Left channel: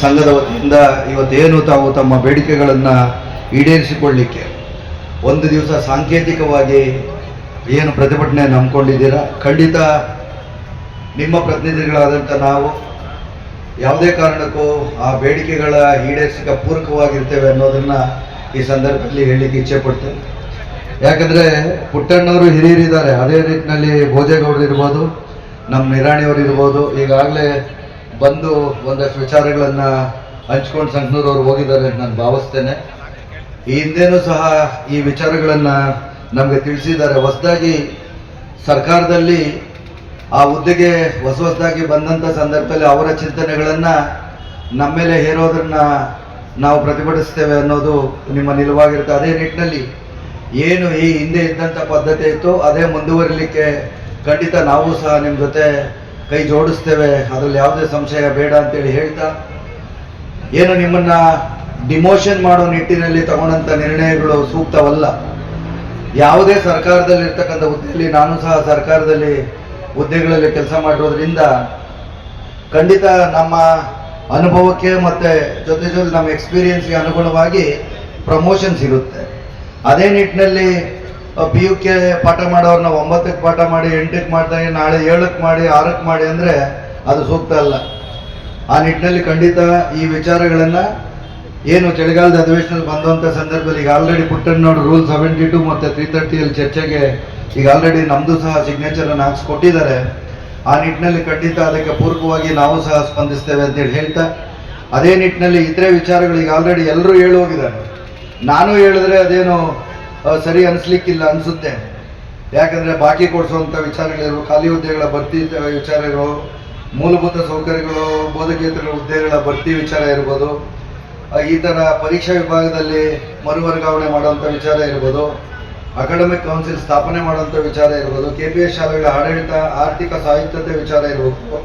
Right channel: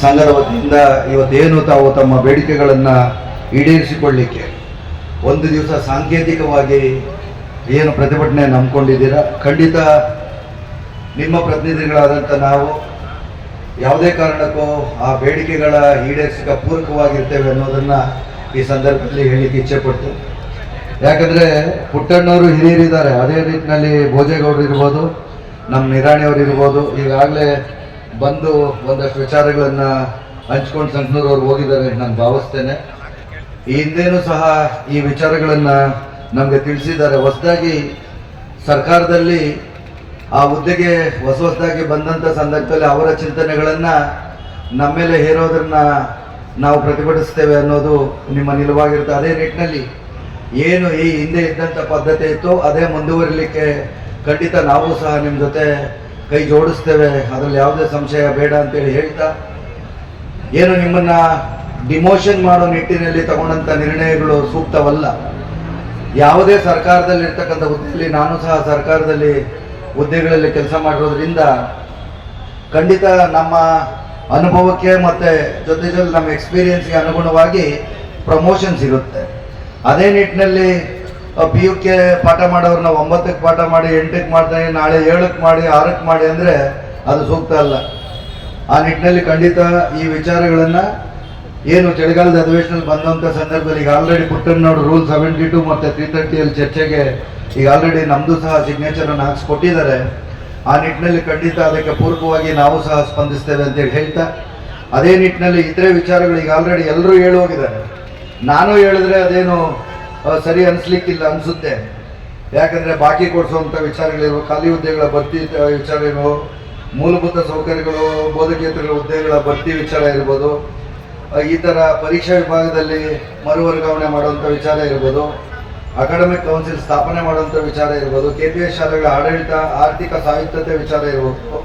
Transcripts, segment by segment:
ಸಂಘದ ವತಿಯಿಂದ ಇವತ್ತೇನು ತಾವು ತಮ್ಮ ಬೇಡಿಕೆಗಳನ್ನು ಈಡೇರಿಸಿಕೊಳ್ಳಿಕ್ಕೆ ಒಂದು ದಿವಸ ಸಾಂಕೇತಿಕವಾಗಿ ಏನು ಪ್ರತಿಭಟನೆ ನಂಬ್ಕೊಂಡಿದ್ದೀರಾ? ಖಂಡಿತ ನಿಮ್ಮ ಪ್ರತಿನಿಧಿಗಳಾದಂಥ ನಾವು ಯಾವುದೇ ಕಾರಣಕ್ಕೂ ಆ ಬೇಡಿಕೆಗಳ ಈಡೇರಿಸಿಕ ಪೂರಕವಾಗಿರ್ತೇವೆ ಅನ್ನೋದನ್ನು ಈ ಸಂದರ್ಭದಲ್ಲಿ ಹೇಳಲಿಕ್ಕೆ ಇಚ್ಛೆ ಪಡ್ತೇನೆ. ಯಾಕಂದರೆ ಪುಟ್ಟಣ್ಣವರು ಹಿರಿಯರಿದ್ದಾರೆ. ಅದೇ ರೀತಿಯಲ್ಲಿ ಭೋಜೇಗೌಡರು ಇರ್ಬೋದು, ನಮ್ಮ ನಿರಾಣಿಯವರು ಇರ್ಬೋದು. ಈಗಾಗಲೇ ಬಂದು ಒಂದಷ್ಟು ವಿಚಾರಗಳನ್ನು ಹಂಚ್ಕೊಂಡು ಸಂಕನೂರವ್ರು ಹೋಗಿದ್ದಾರೆ ಅಂತ ನಾನು ಭಾವಿಸ್ತೇನೆ. ಈ ಹಿಂದೆನೂ ಸಹ ಈ ವಿಚಾರಗಳನ್ನು ನಮಗೆ ತಿಳಿಸಿದ್ದಾರೆ. ಹೊಸದಾಗಿ ಸರ್ಕಾರದಲ್ಲಿ ಆ ಹುದ್ದೆಗೆ ಹೊಸ ಹೊಸದಾಗಿ ಬಂದಂಥ ಸಂದರ್ಭದಲ್ಲಿ ಅವರ ಚಿಂತನೆಗಳನ್ನು ನಮ್ಮ ಮೇಲೆ ಹೇರೋದನ್ನ ನಾವು ಪ್ರತಿಭಟಿಸ್ತೇವೆ ಅನ್ನೋದು ನಿಮ್ಮ ನಿಲುವಾಗಿರುತ್ತೆ. ಅದೇ ನಿಟ್ಟಿನಲ್ಲಿ ಏನು ಈ ಹಿಂದೆ ಇದ್ದಂಥ ಪದ್ಧತಿ ಇತ್ತು ಅದೇ ಮುಂದುವರಿಲಿಕ್ಕೆ ಖಂಡಿತ ನಾವು ಸಹ ನಿಮ್ಮ ಜೊತೆ ಕೈ ಜೋಡಿಸ್ತೇವೆ, ಅದರಲ್ಲಿ ಯಾವುದೇ ಸಂಶಯ ಬೇಡ ಅಂತೇಳಿ ಹೇಳ್ತಾ, ಏನು ನಿಮ್ಮನ್ನ ಡಿಮೋಷನ್ ಮಾಡೋ ನಿಟ್ಟಿನಲ್ಲಿ ತಗೊಂಡಂತ ನಿರ್ಣಯಗಳು ಸೂಕ್ತವಲ್ಲ. ಯಾವುದೇ ಸರ್ಕಾರದಲ್ಲಿ ಇರ್ತಕ್ಕಂಥ ಹುದ್ದೆಯಲ್ಲಿ, ನಾನು ಸಹ ಸರ್ಕಾರದಲ್ಲಿ ಹುದ್ದೆಗಳಲ್ಲಿ ಕೆಲಸ ಮಾಡಿರೋದ್ರಿಂದ ಖಂಡಿತ ನಮ್ಮ ಅನುಭವಕ್ಕೆ ಮತ್ತು ಜೊತೆ ಜೊತೆ ನಮ್ಮ ಎಕ್ಸ್ಪೀರಿಯನ್ಸ್ಗೆ ಅನುಗುಣವಾಗಿ ಪ್ರಮೋಷನ್ ಸಿಗುತ್ತೆ. ಅದೇ ನಿಟ್ಟಿನಲ್ಲಿ ಪಿ ಯು ಕೆ ಪಾಠ ಮಾಡೋರನ್ನ ಒಂಬತ್ತಕ್ಕೆ ಪಾಠ ಮಾಡಿ, ಎಂಟಕ್ಕೆ ಮಾಡ್ತಾರೆ ನಾಳೆ ಏಳಕ್ಕೆ ಮಾಡಿ, ಆರಕ್ಕೆ ಮಾಡಿ ಅಂದರೆ ಅದು ಸೂಕ್ತ ಅಲ್ಲ. ಆ ನಿಟ್ಟಿನಲ್ಲಿ ಖಂಡಿತ ಈ ವಿಚಾರಗಳನ್ನು ಏನು ಚಳಿಗಾಲದ ಅಧಿವೇಶನದಲ್ಲಿ ಬಂದಂಥ ಸಂದರ್ಭದಲ್ಲಿ ಈಗ ಆಲ್ರೆಡಿ ನೋಡಿ ರೂಲ್ ಸೆವೆಂಟಿ ಟು ಮತ್ತು ತ್ರೀ ತರ್ಟಿಯಲ್ಲಿ ಚರ್ಚೆಗೆ ಈಗ ಆಲ್ರೆಡಿ ನಮ್ಮದು ಸಹ ಸಿಗ್ನೇಚರನ್ನು ಹಾಕ್ಸ್ಕೊಟ್ಟಿದ್ದಾರೆ. ಆ ನಿಟ್ಟಿನಲ್ಲಿ ಖಂಡಿತ ಅದಕ್ಕೆ ಪೂರ್ವಕವಾಗಿ ನಾವು ಸಹ ಸ್ಪಂದಿಸ್ತೇವೆ ಅಂತೇಳಿ ಹೇಳ್ತಾ, ಅದೇ ನಿಟ್ಟಿನಲ್ಲಿ ಇತರೆ ವಿಚಾರಗಳು ಈಗ ಆಲ್ರೆಡಿ ಎಲ್ಲರೂ ಹೇಳಿ ಹೋಗಿದ್ದಾರೆ. ನಾನು ಹೇಳಿದ್ರೆ ಅದೇನು ಸರಿ ಅನಿಸ್ಲಿಕ್ಕಿಲ್ಲ ಅನಿಸುತ್ತೆ. ಯಾಕಂದರೆ ಬಾಕಿ ಕೊಡಿಸುವಂಥ ವಿಚಾರಗಳಿರೋ, ಖಾಲಿ ಹುದ್ದೆಗಳ ಭರ್ತಿ ವಿಚಾರ ಇರೋ, ಮೂಲಭೂತ ಸೌಕರ್ಯಗಳು, ಬೋಧಕೇತರ ಹುದ್ದೆಗಳ ಭರ್ತಿ ವಿಚಾರ ಇರ್ಬೋದು. ಈ ಥರ ಪರೀಕ್ಷಾ ವಿಭಾಗದಲ್ಲಿ ಮರು ವರ್ಗಾವಣೆ ಮಾಡುವಂಥ ವಿಚಾರ ಇರ್ಬೋದು. ಅಕಾಡೆಮಿಕ್ ಕೌನ್ಸಿಲ್ ಸ್ಥಾಪನೆ ಮಾಡುವಂಥ ವಿಚಾರ ಇರ್ಬೋದು. ಕೆ ಪಿ ಎಸ್ ಶಾಲೆಗಳ ಆಡಳಿತ, ಆರ್ಥಿಕ ಸಾಹಿತ್ಯತೆ ವಿಚಾರ ಇರ್ಬೋದು.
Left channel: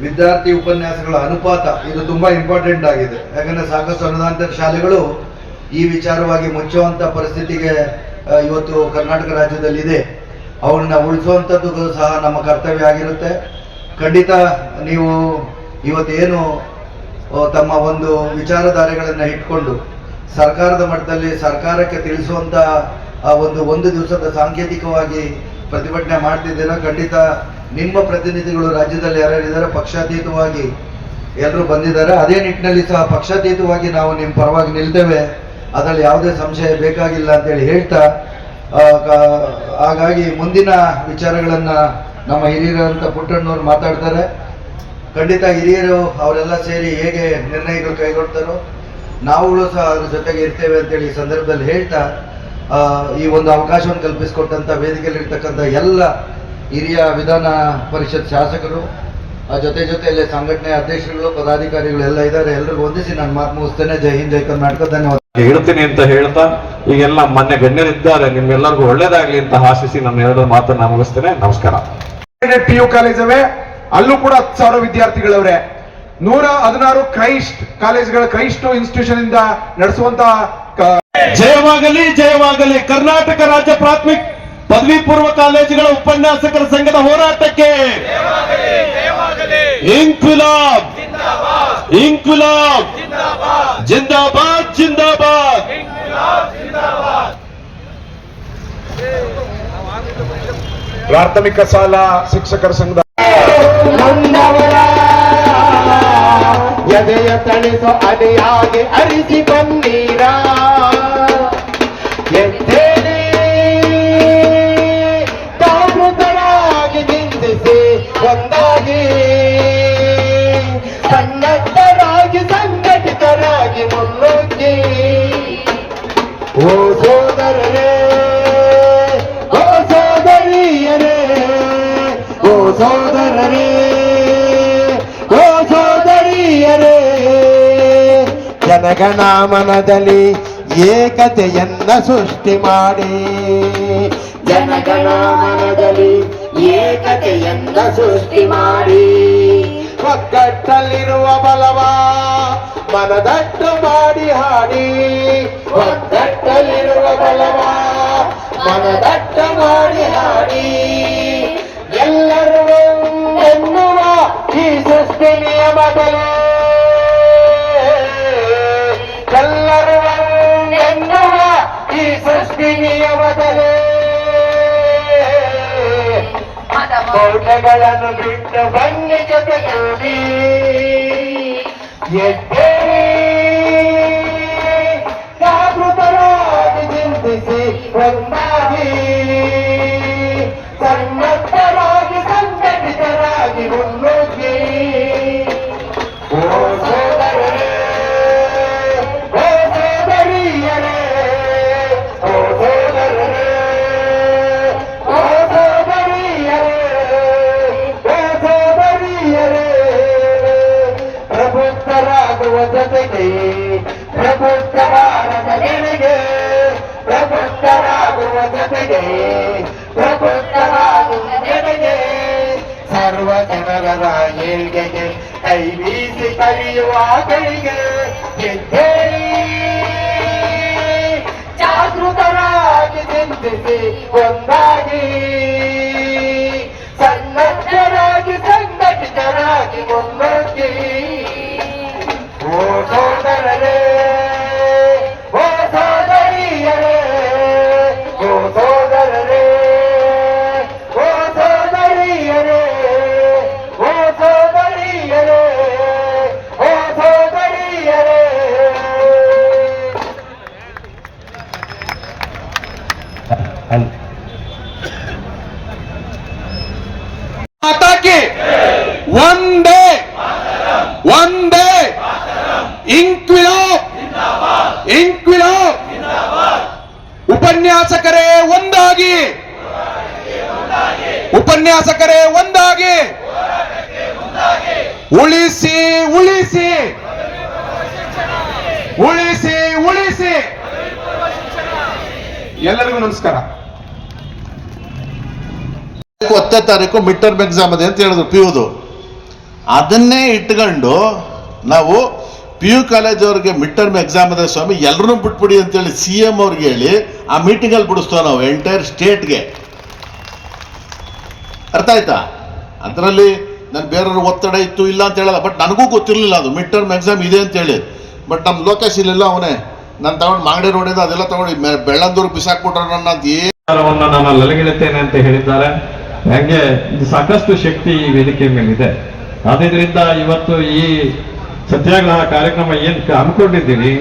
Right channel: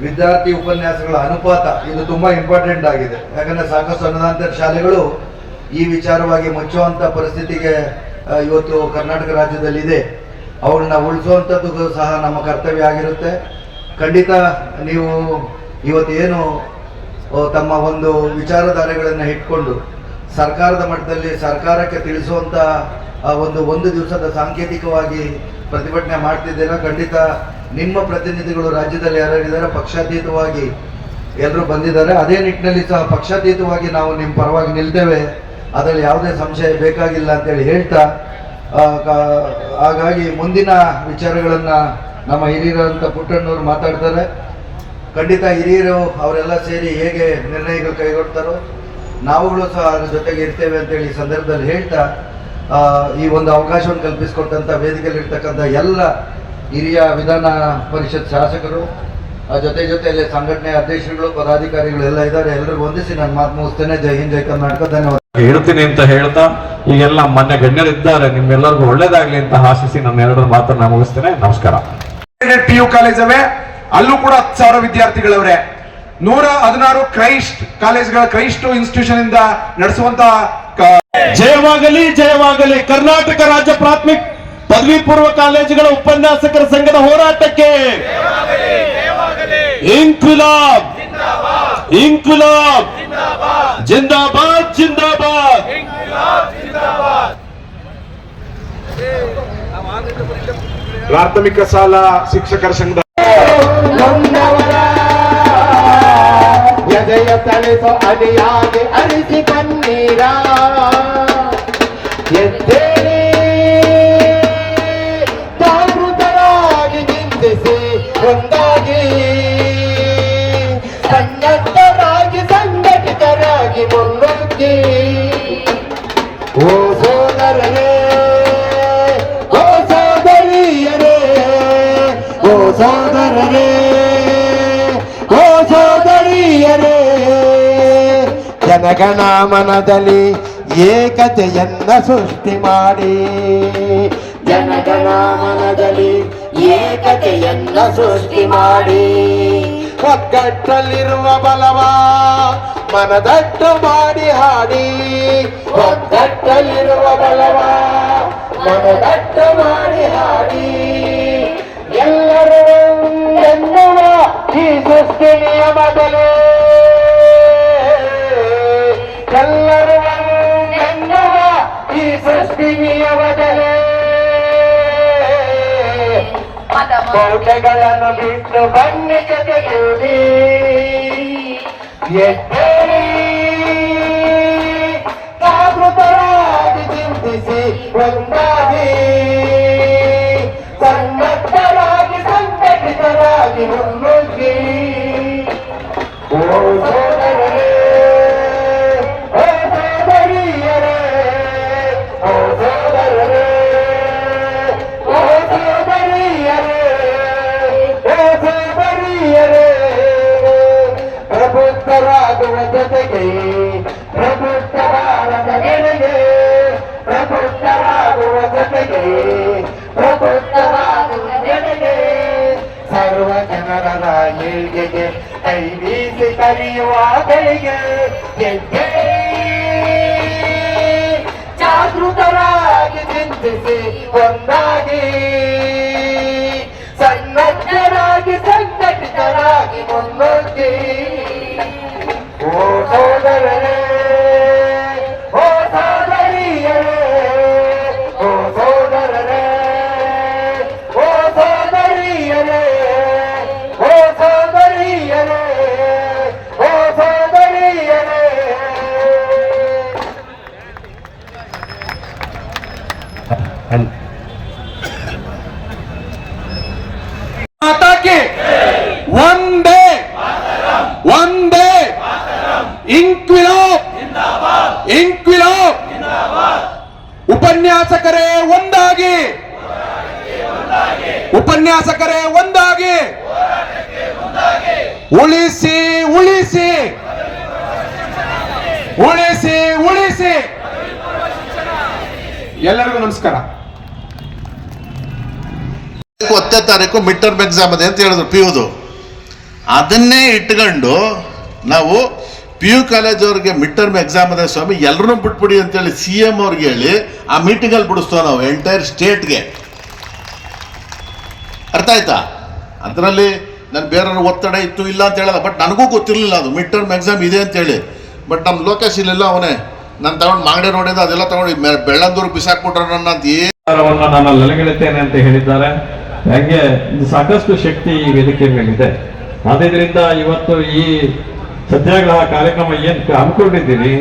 ವಿದ್ಯಾರ್ಥಿ ಉಪನ್ಯಾಸಗಳ ಅನುಪಾತ, ಇದು ತುಂಬ ಇಂಪಾರ್ಟೆಂಟ್ ಆಗಿದೆ. ಯಾಕಂದರೆ ಸಾಕಷ್ಟು ಅನುದಾನಿತ ಶಾಲೆಗಳು ಈ ವಿಚಾರವಾಗಿ ಮುಚ್ಚುವಂಥ ಪರಿಸ್ಥಿತಿಗೆ ಇವತ್ತು ಕರ್ನಾಟಕ ರಾಜ್ಯದಲ್ಲಿ ಇದೆ ಅವನ್ನ ಉಳಿಸುವಂಥದ್ದು ಸಹ ನಮ್ಮ ಕರ್ತವ್ಯ ಆಗಿರುತ್ತೆ. ಖಂಡಿತ ನೀವು ಇವತ್ತೇನು ಏನು ತಮ್ಮ ಒಂದು ವಿಚಾರಧಾರೆಗಳನ್ನು ಇಟ್ಕೊಂಡು ಸರ್ಕಾರದ ಮಟ್ಟದಲ್ಲಿ ಸರ್ಕಾರಕ್ಕೆ ತಿಳಿಸುವಂಥ ಆ, ಒಂದು ಒಂದು ದಿವಸದ ಸಾಂಕೇತಿಕವಾಗಿ ಪ್ರತಿಭಟನೆ ಮಾಡ್ತಿದ್ದೀರಾ? ಖಂಡಿತ ನಿಮ್ಮ ಪ್ರತಿನಿಧಿಗಳು ರಾಜ್ಯದಲ್ಲಿ ಯಾರ್ಯಾರಿದ್ದಾರೆ? ಪಕ್ಷಾತೀತವಾಗಿ ಎಲ್ಲರೂ ಬಂದಿದ್ದಾರೆ. ಅದೇ ನಿಟ್ಟಿನಲ್ಲಿ ಸಹ ಪಕ್ಷಾತೀತವಾಗಿ ನಾವು ನಿಮ್ಮ ಪರವಾಗಿ ನಿಲ್ತೇವೆ. ಅದರಲ್ಲಿ ಯಾವುದೇ ಸಂಶಯ ಬೇಕಾಗಿಲ್ಲ ಅಂತೇಳಿ ಹೇಳ್ತಾ ಹಾಗಾಗಿ ಮುಂದಿನ ವಿಚಾರಗಳನ್ನು ನಮ್ಮ ಹಿರಿಯರಂತ ಪುಟ್ಟಣ್ಣವ್ರು ಮಾತಾಡ್ತಾರೆ. ಖಂಡಿತ ಹಿರಿಯರು ಅವರೆಲ್ಲ ಸೇರಿ ಹೇಗೆ ನಿರ್ಣಯಗಳು ಕೈಗೊಳ್ತಾರೋ, ನಾವುಗಳು ಸಹ ಅದ್ರ ಜೊತೆಗೆ ಇರ್ತೇವೆ ಅಂತೇಳಿ ಈ ಸಂದರ್ಭದಲ್ಲಿ ಹೇಳ್ತಾ ಈ ಒಂದು ಅವಕಾಶವನ್ನು ಕಲ್ಪಿಸಿಕೊಟ್ಟಂಥ ವೇದಿಕೆಯಲ್ಲಿ ಇರ್ತಕ್ಕಂಥ ಎಲ್ಲ ಹಿರಿಯ ವಿಧಾನ ಪರಿಷತ್ ಶಾಸಕರು ಜೊತೆ ಜೊತೆಯಲ್ಲಿ ಸಂಘಟನೆ ಅಧ್ಯಕ್ಷರುಗಳು, ಪದಾಧಿಕಾರಿಗಳು ಎಲ್ಲ ಇದ್ದಾರೆ. ಎಲ್ಲರಿಗೂ ಹೊಂದಿಸಿ ನಾನು ಮಾತು ಮುಗಿಸ್ತೇನೆ. ಜೈ ಹಿಂದ್, ಜೈ ಕರ್ನಾಟಕ. ಧನ್ಯವಾದ. ಹೇಳ್ತೀನಿ ಅಂತ ಹೇಳ್ತಾ ಈಗೆಲ್ಲ ಮೊನ್ನೆ ಗಣ್ಯರಿದ್ದಾರೆ ನಿಮ್ಗೆಲ್ಲರಿಗೂ ಒಳ್ಳೇದಾಗ್ಲಿ ಅಂತ ಆಶಿಸಿ ನನ್ನ ಎರಡು ಮಾತನ್ನ ಮುಗಿಸ್ತೇನೆ. ನಮಸ್ಕಾರ. ಪಿ ಯು ಕಾಲೇಜ್ ಅವೆ ಅಲ್ಲೂ ಕೂಡ ಹತ್ತು ಸಾವಿರ ವಿದ್ಯಾರ್ಥಿಗಳವ್ರೆ. ನೂರ ಹದಿನಾರು ಕ್ರೈಸ್ಟ್ ಕಾಲೇಜ್ಗಳ ಕ್ರೈಸ್ಟ್ ಇನ್ಸ್ಟಿಟ್ಯೂಷನ್ ಇಂದ ನಡೆಸುವಂತ ಜಯವಾಗಲಿ ಜಯವಾಗಲಿ. ಕರ್ನಾಟಕ ರಾಜ್ಯ ಪ್ರಾಥಮಿಕ ಪದವಿ ಪೂರ್ವ ಕಾಲೇಜುಗಳ ಉಪನ್ಯಾಸಕರ ಸಂಘದ ಹೋರಾಟಕ್ಕೆ ಇಂಕುಲಾಬ್ ಇಂಕುಲಾಬ್ ಜಿಂದಾಬಾದ್ ಜಿಂದಾಬಾದ್. ಪ್ರಾಥಮಿಕ ಸಾಲ ಶಿಕ್ಷಕರ ಸಂಘದ ಎದೆಯ ತಳಿಸೋ ಅಲಿಯಾಗಿ ಅರಿಸಿ ಬನ್ನೀರ ಎದ್ದೇಳಿ ಜನಗಣ ಮನದಲ್ಲಿ ಏಕತೆಯನ್ನ ಸೃಷ್ಟಿ ಮಾಡಿ. ಜನಗಣ ಮನದಲ್ಲಿ ಏಕತೆಯನ್ನ ಸೃಷ್ಟಿ ಮಾಡಿ. ಒಗ್ಗಟ್ಟಲ್ಲಿರುವ ಬಲವ ಮನದಟ್ಟು ಮಾಡಿ ಹಾಡಿ. ಒಗ್ಗಟ್ಟಲ್ಲಿರುವ ಬಲವ ಮನದಟ್ಟು ಮಾಡಿ ಹಾಡಿ. ಎಲ್ಲರೂ ಎನ್ನುವ ಈ ಸೃಷ್ಟಿ ನಿಯಮದಲ್ಲಿ ನಂದಿನಿಯ ಬದಲೇ ಮೌಢಗಳನ್ನು ಬಿಟ್ಟು ಬನ್ನಿ ಜೊತೆಗೂಡಿ ಜಾಗೃತರಾಗಿ ಚಿಂತಿಸಿ ಒಂದಾಗಿ. ಸನ್ನದ್ಧರಾಗಿ ಸಂಘಟಿತರಾಗಿ ಮುನ್ನುಗ್ಗಿ. ಪ್ರಬುದ್ಧರಾಗುವ ಜೊತೆಗೆ ಪ್ರಬುದ್ಧರಾಗುವ ಜನಗೆ ಸರ್ವ ಜನರ ಏಳ್ಗೆಗೆ ಕೈ ಬೀಸಿ ಕಲಿಯುವ ಗಳಿಗೆ ಜಾಗೃತರಾಗಿ ಚಿಂತಿಸಿ ಒಂದಾಗಿ. ಅಲ್- ಮಾತಾಕಿ. ಒಂದೇ. ಒಂದೇ. ಇಂಕ್ವಿಲಾಬ್ ಇಂಕ್ವಿಲಾಬ್ ಉಪನ್ಯಾಸಕರೇ ಒಂದಾಗಿ. ಉಪನ್ಯಾಸಕರೇ ಒಂದಾಗಿ. ಉಳಿಸಿ ಉಳಿಸಿ. ಉಳಿಸಿ ಉಳಿಸಿ. ಎಲ್ಲರಿಗೂ ನಮಸ್ಕಾರ. ಹತ್ತನೇ ತಾರೀಕು ಮಿಡ್ ಟರ್ಮ್ ಎಕ್ಸಾಮ್ ಇದೆ ಅಂತ ಹೇಳಿದ್ರು ಪಿ ಯುದು ಅದನ್ನೇ ಇಟ್ಕೊಂಡು ನಾವು ಪಿ ಯು ಕಾಲೇಜ್ ಅವ್ರಿಗೆ ಮಿಡ್ ಟರ್ಮ್ ಎಕ್ಸಾಮ್ ಇದೆ ಸ್ವಾಮಿ ಎಲ್ಲರೂ ಬಿಟ್ಬಿಡಿ ಅಂತೇಳಿ ಸಿ ಎಂ ಅವ್ರಿಗೆ ಹೇಳಿ ಆ ಮೀಟಿಂಗಲ್ಲಿ ಬಿಡಿಸ್ತೇವೆ ನಾವು ಎಂಟೈರ್ ಸ್ಟೇಟ್ಗೆ ಅರ್ಥ ಆಯ್ತಾ? ಅದರಲ್ಲಿ ನಾನು ಬೇರೆಯವ್ರ ಒತ್ತಡ ಇತ್ತು, ಇಲ್ಲ ಅಂತ ಹೇಳಲ್ಲ ಬಟ್ ನನಗೂ ಗೊತ್ತಿರಲಿಲ್ಲ ಅದು ಮಿಡ್ ಟರ್ಮ್ ಎಕ್ಸಾಮ್ ಇದೆ ಅಂತೇಳಿ ಬಟ್ ನಮ್ಮ ಲೋಕೇಶ್ ಇಲ್ಲೆಲ್ಲ ಅವನೇ. ನಾನು ತಗೊಂಡು ಮಾಗಡಿ ರೋಡಿಂದ ಅದೆಲ್ಲ ತಗೊಂಡು ಬೆಳ್ಳಂದೂರು ಬಿಸಾಕ್ಬಿಟ್ರೆ ನನ್ನ ಅಂತ ಏನು ನಾನು ಅಂತ ಹೇಳಿದ್ದಾರೆ. ಹಂಗೆ ಸಾಕಷ್ಟು ಶಕ್ತಿ ಈ ವೇದಿಕೆ ಮೇಲಿದೆ. ಆದ್ರಿಂದ ಇವತ್ತು ಈ ಸತ್ಯಾಗ್ರಹ ಕಾರ್ಯಕ್ರಮ ಏನ್ ಅನ್ಕೊಂಡಿದ್ದೀರಿ?